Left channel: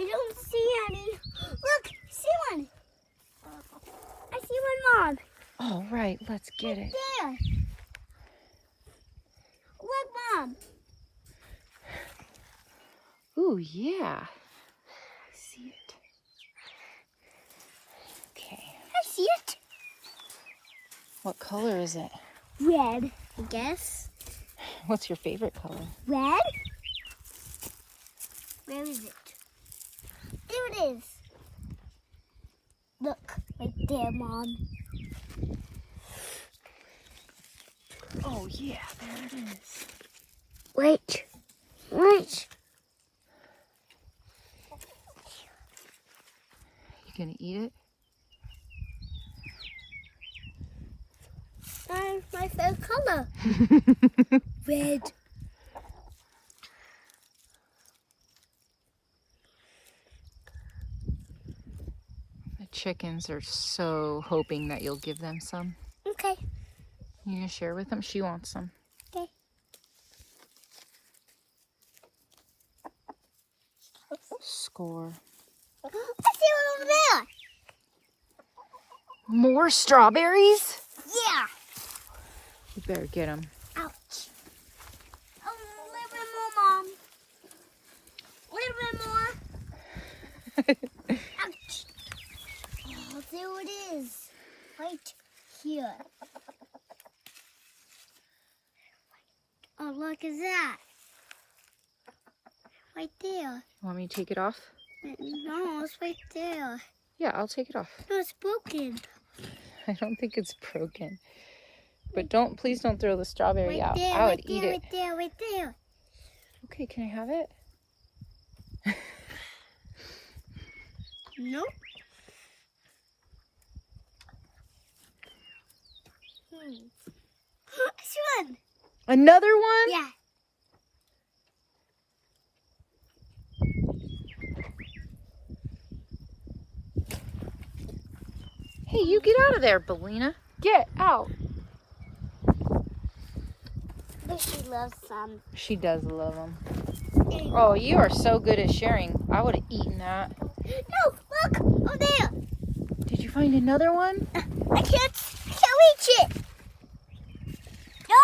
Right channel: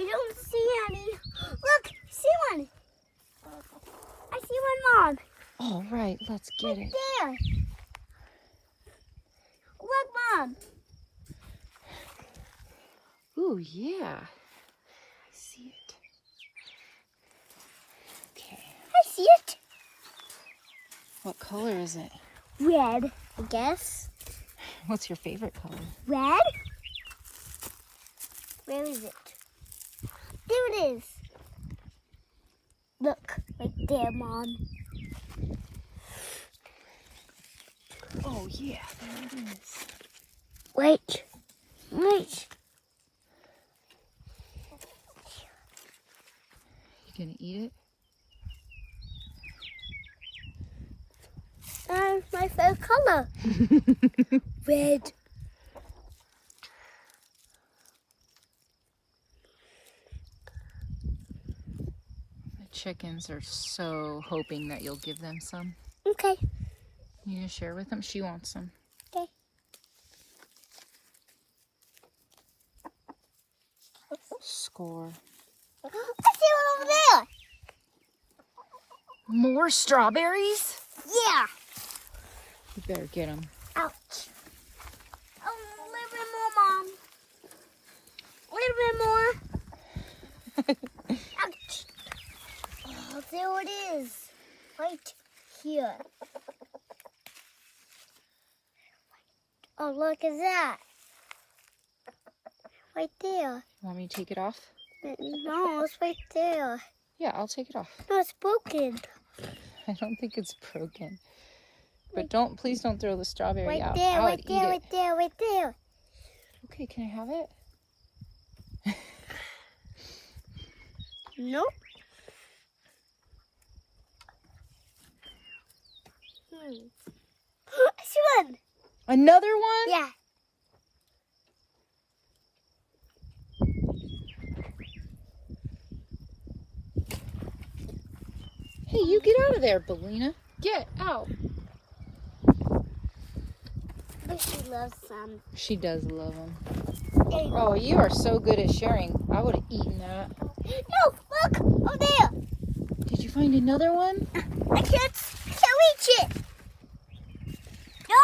don't see any. Look, see one. I see one, Mom. All right, let's get it. There. Look, Mom. Ooh, yeah. I see it. Okay. I see it. What color is it? Red, I guess. What's your favorite color? Red? Where is it? There it is. Look, right there, Mom. Oh, yeah, there it is. Wait. You gonna eat it? That's my favorite color. Red. The chickens are so hoping that you'll give them some. Okay. You gonna share with them? She wants some. Okay. Score. I see one over there. More strawberries? Yeah. You better get them. Ouch. Oh, a little bit more, Mom. A little bit more. Ouch. Oh, there it is. Right here. Oh, look at that. Right there. Want me to take it off? No, it's right there. Yeah, I'll take it off. No, it's broken. I don't think it's broken. But please don't throw the strawberry Right out. there, I would right eat there, it. right there, right there. Okay, can I have it? Nope. I see one. Another one? Yeah. Hey, you get out of there, Belina. Get out. But she loves some. She does love them. Oh, you are so good at sharing. I would have eaten that. No, look over there. Did you find another one? I can't reach it. No,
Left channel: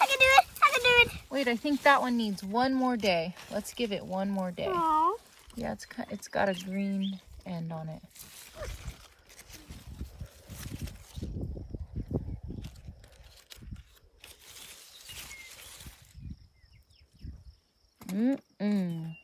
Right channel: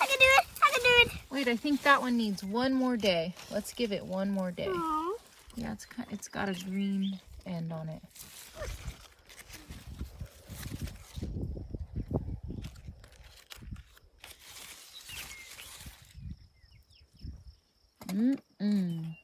I can do it. I can do it. Wait, I think that one needs one more day. Let's give it one more day. Aww. Yeah, it's got a green end on it. Mm-mm.